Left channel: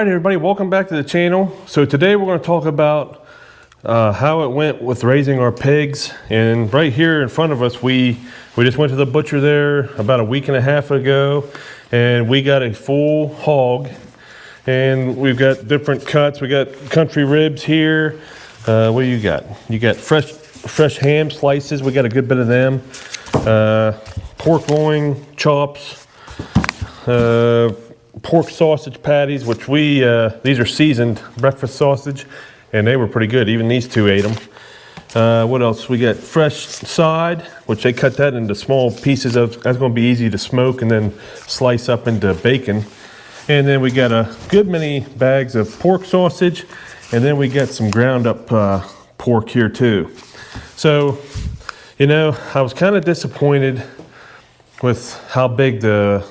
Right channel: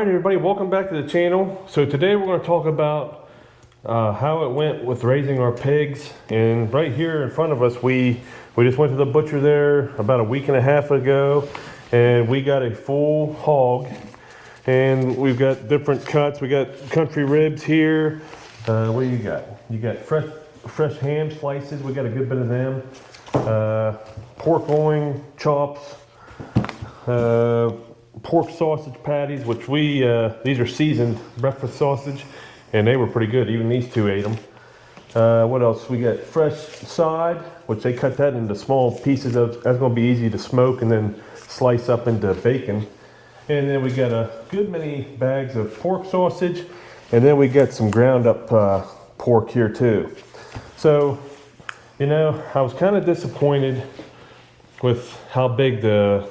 Alright everybody, welcome back to the channel. So today we're going to talk about how it went with raising our pigs. And right here in front of us, we just went to the butcher there about a week and a half ago, and we got a full hog. And we've got different cuts. We got country ribs here. What do you got? You got fresh ham slices. We got a good bit of them. Pork loin chops. Pork sausage patties, which these are seasoned breakfast sausage, and they were pretty good. Even these two ate them. What else? We got fresh side, which they cut that into small pieces of. That's going to be easy to smoke and then slice up into bacon. And then we got a good many bags of pork sausage, and then we got some ground up pork here too. So, you know, I was kind of disappointed with how big the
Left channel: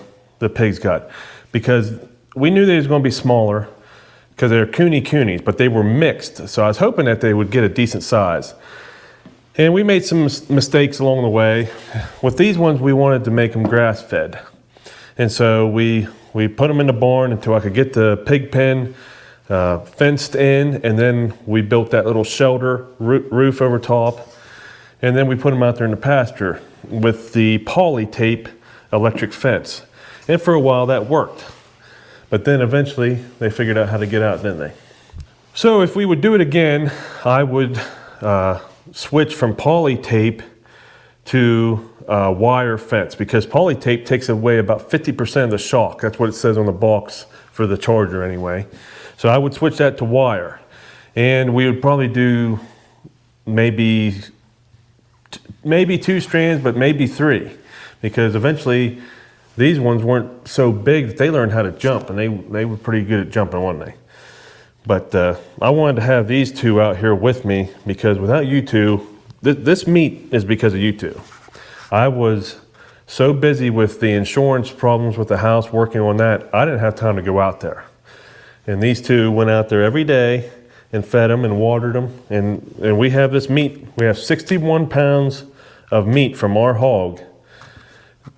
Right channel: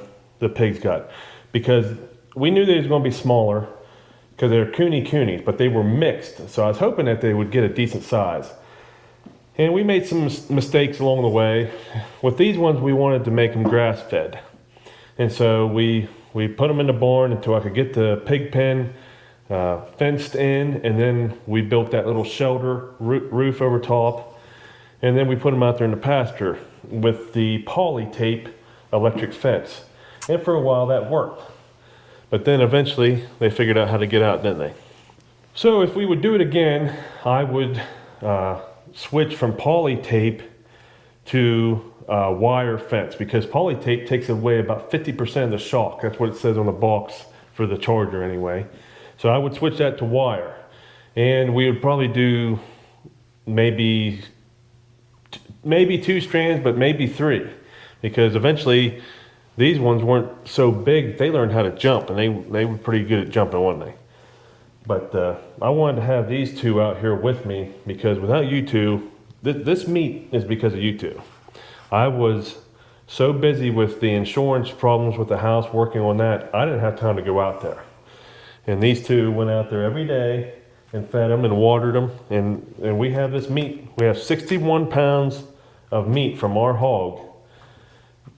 pigs got, because we knew they was going to be smaller because they're coonies, but they were mixed. So I was hoping that they would get a decent size. And we made some mistakes along the way. With these ones, we wanted to make them grass fed. And so we put them in the barn until I could get the pig pen fenced in, and then we built that little shelter roof over top. And then we put them out there in the pasture with the poly tape electric fence. And for a while that worked. But then eventually they figured out how to get out, didn't they? So if we would do it again, I would switch from poly tape to wire fence, because poly tape takes away about 50% of the shock. That's what it says on the box for the Charger anyway. So I would switch that to wire. And we would probably do maybe 2 strands, but maybe 3. Because eventually these ones weren't so big that they learned how to jump, and they were pretty good at jumping, weren't they? But I wanted to have these two out here with me, because without you two, this meat is because of you two. I was so busy with the insurance problems with the house, working on that, I didn't have time to go out there. And these two went out there every day and fed them and watered them. And we have this meat. We have 61 pounds of meat from our hog.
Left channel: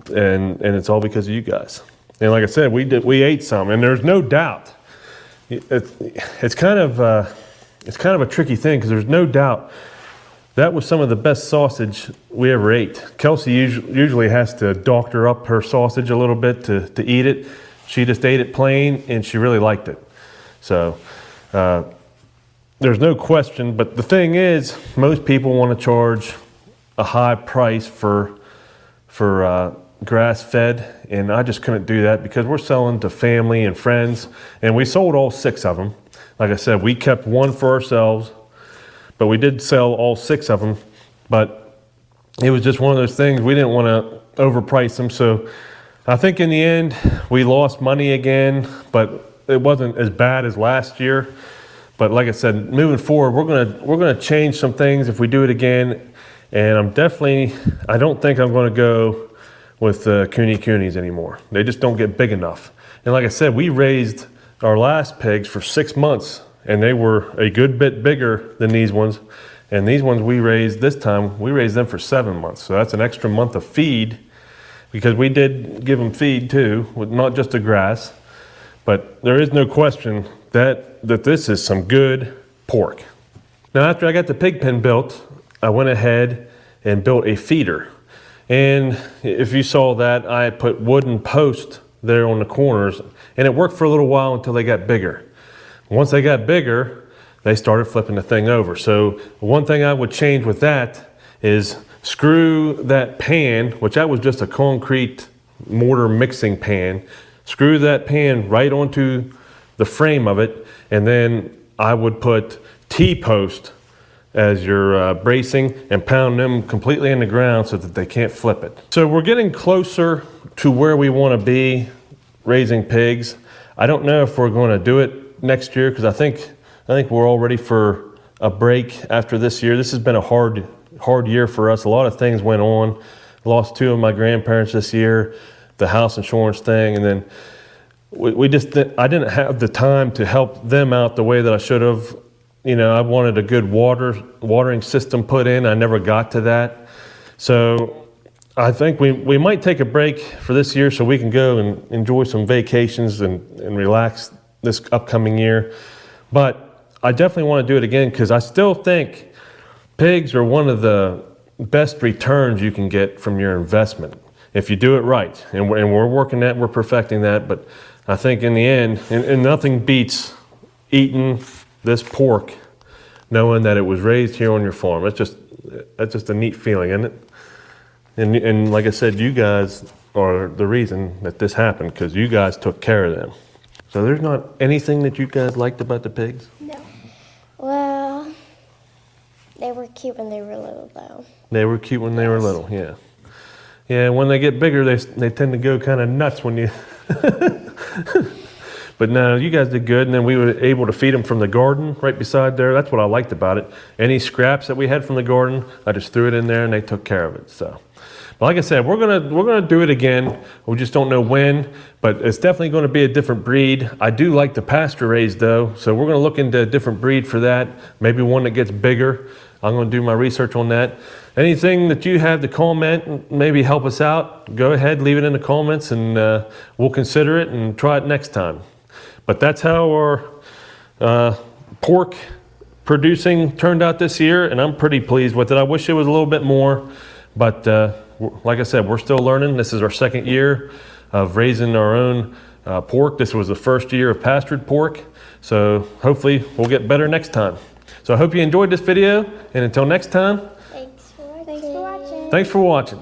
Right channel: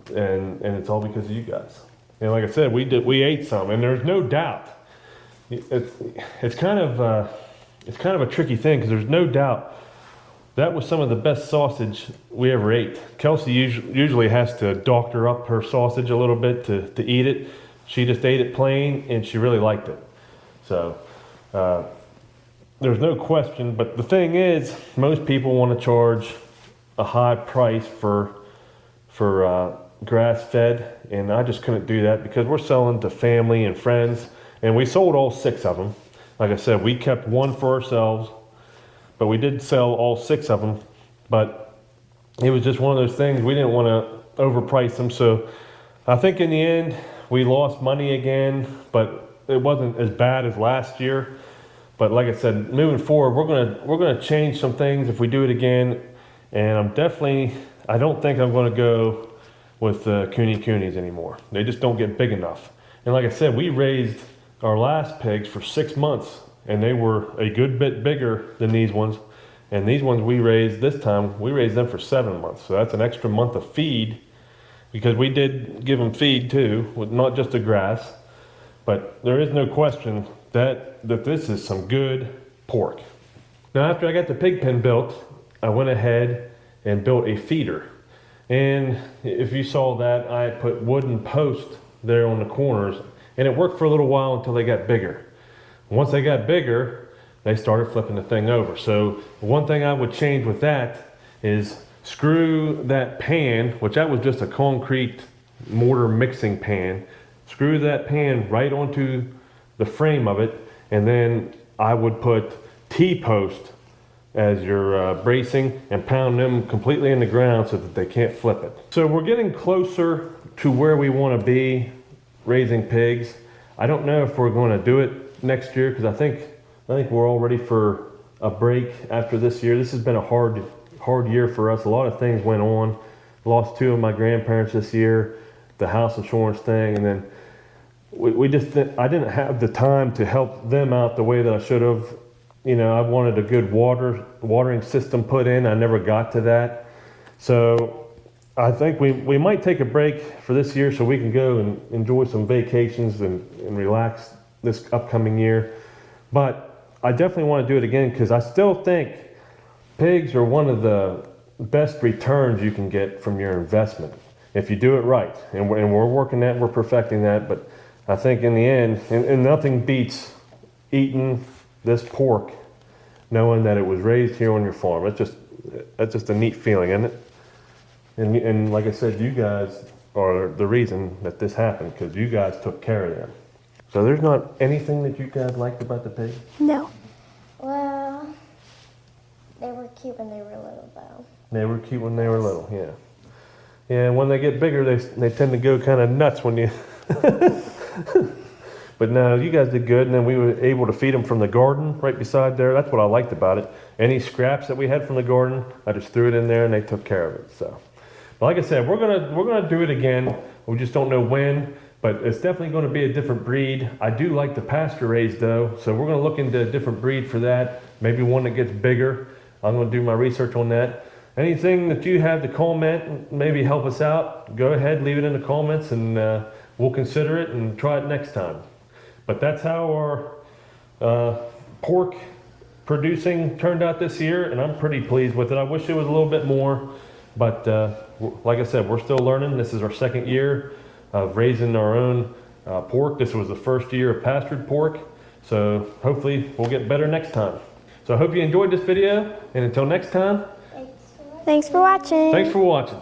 And it's all because of you guys. And like I said, we ate some, and there's no doubt. It's kind of a tricky thing, because there's no doubt that was some of the best sausage we ever ate. Kelsey usually has to doctor up her sausage a little bit to eat it. She just ate it plain, and she really liked it. So there's no question. But the thing is, most people want to charge a high price for grass fed, and I just couldn't do that, because we're selling to family and friends, and we sold all 6 of them. Like I said, we kept 1 for ourselves, but we did sell all 6 of them. But it was just one of those things, we didn't want to overprice them. So I think in the end we lost money again, but it wasn't as bad as last year. But like I said, moving forward, we're gonna change some things if we do it again. And I don't think I'm going to go with coonies anymore. They just don't get big enough. And like I said, we raised our last pigs for 6 months, and they were a good bit bigger than these ones. And these ones we raised this time, we raised them for 7 months. So that's an extra month of feed, because we did give them feed too, with not just the grass. But there is no question that this is some good pork. Now, after I got the pig pen built, I went ahead and built a feeder. And if you saw that, I put wooden posts there on the corners, and it worked for a little while until they got bigger. Once they got bigger, they started flipping the thing over. So one thing I would change with that is screw that pan, which that was just a concrete mortar mixing pan, screw that pan right onto the frame of it, and then I would put T-post as your bracing, and pound them completely in the ground so that they can't flip it. So we're getting closer to where we want to be raising pigs. I don't know if we're going to do it next year, because I think we're all ready for a break after this year. This has been a hard year for us. A lot of things went on. Lost 2 of my grandparents this year, the house insurance thing, and then I didn't have the time to help them out the way that I should have. You know, I wanted a good watering system put in. I never got to that. So I think we might take a break for this year, so we can go and enjoy some vacations and relax this upcoming year. But I definitely want to do it again because I still think pigs are one of the best returns you can get from your investment if you do it right. And we're working that, we're perfecting that. But I think in the end, and nothing beats eating this pork knowing that it was raised here on your farm. That's just a neat feeling, isn't it? And like I said, you guys are the reason that this happened because you guys took care of them. So there's not anything that you guys liked about the pigs? No. Well, they were cute when they were little, though. They were cute when they were little, yeah. Yeah, when they get bigger, they tend to go kind of nuts when you... But no, you guys did good, and then we were able to feed them from the garden right beside there. That's what I liked about it. Any scraps that we had from the garden, I just threw it in there, and they took care of it. So, but like I said, we're gonna do it again. We just don't know when, but it's definitely going to be a different breed. I do like the pasture raised though, so we're gonna look into a different breed for that. Maybe one that gets bigger. I'm gonna do my research on that. Anything that you have to comment, maybe help us out, go ahead, leave it in the comments, and we'll consider it and try it next time. But that's how our pork producing turned out this year, and I'm pretty pleased with it. I wish it was a little bit more, but like I said, we're still learning. This is our second year of raising our own pork. This was the first year of pastured pork, so hopefully we'll get better next time. So I hope you enjoyed this video, and until next time, Thanks for watching. thanks for watching.